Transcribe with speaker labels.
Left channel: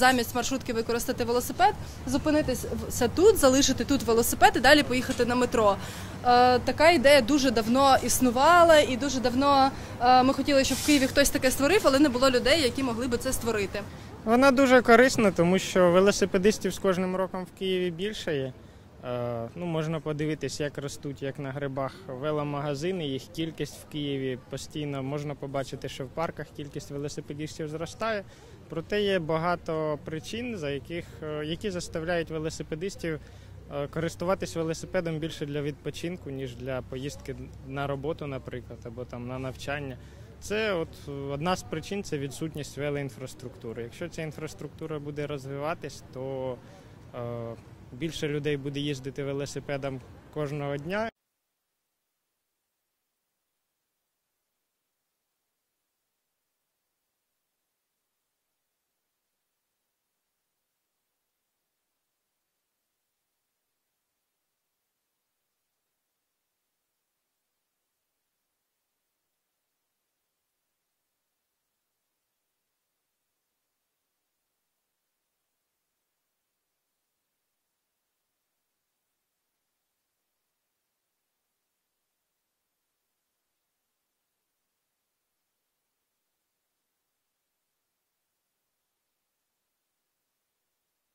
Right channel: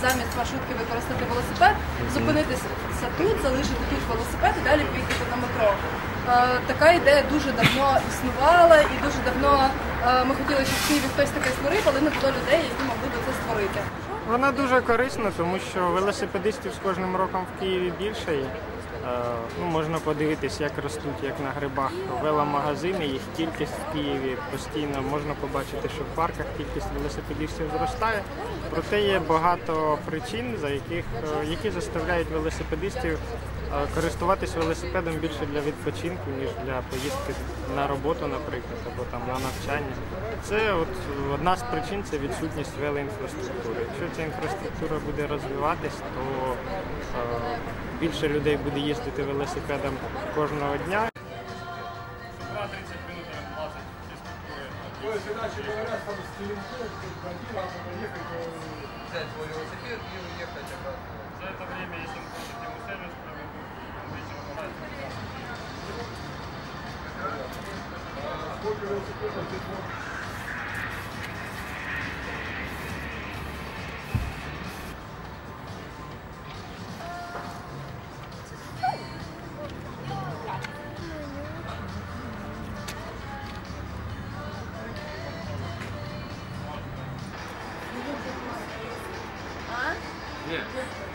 Speaker 1: замість маршрутки використати велосипед, зупинитися тут, залишити тут велосипед і далі поїхати на метро. Е, Така ідея дуже давно існувала, і дуже давно е, ми хотіли, щоб в Києві хтось таке створив, але не було людей, які могли би це створити.
Speaker 2: Вона дуже корисна, тому що велосипедистів з кожним роком в Києві більше. Е, ну, можна подивитись, як ростуть, як на грибах веломагазини, їх кількість в Києві постійно можна побачити, що в парках кількість велосипедистів зростає. Проте є багато причин, за яких, е, які заставляють велосипедистів е, користуватись велосипедом більше для відпочинку, ніж для поїздки на роботу, наприклад, або там на навчання. Це от одна з причин це відсутність велоінфраструктури. Якщо ця інфраструктура буде розвиватись, то більше людей буде їздити велосипедом кожного дня.
Speaker 3: взять свой велосипед? Yeah.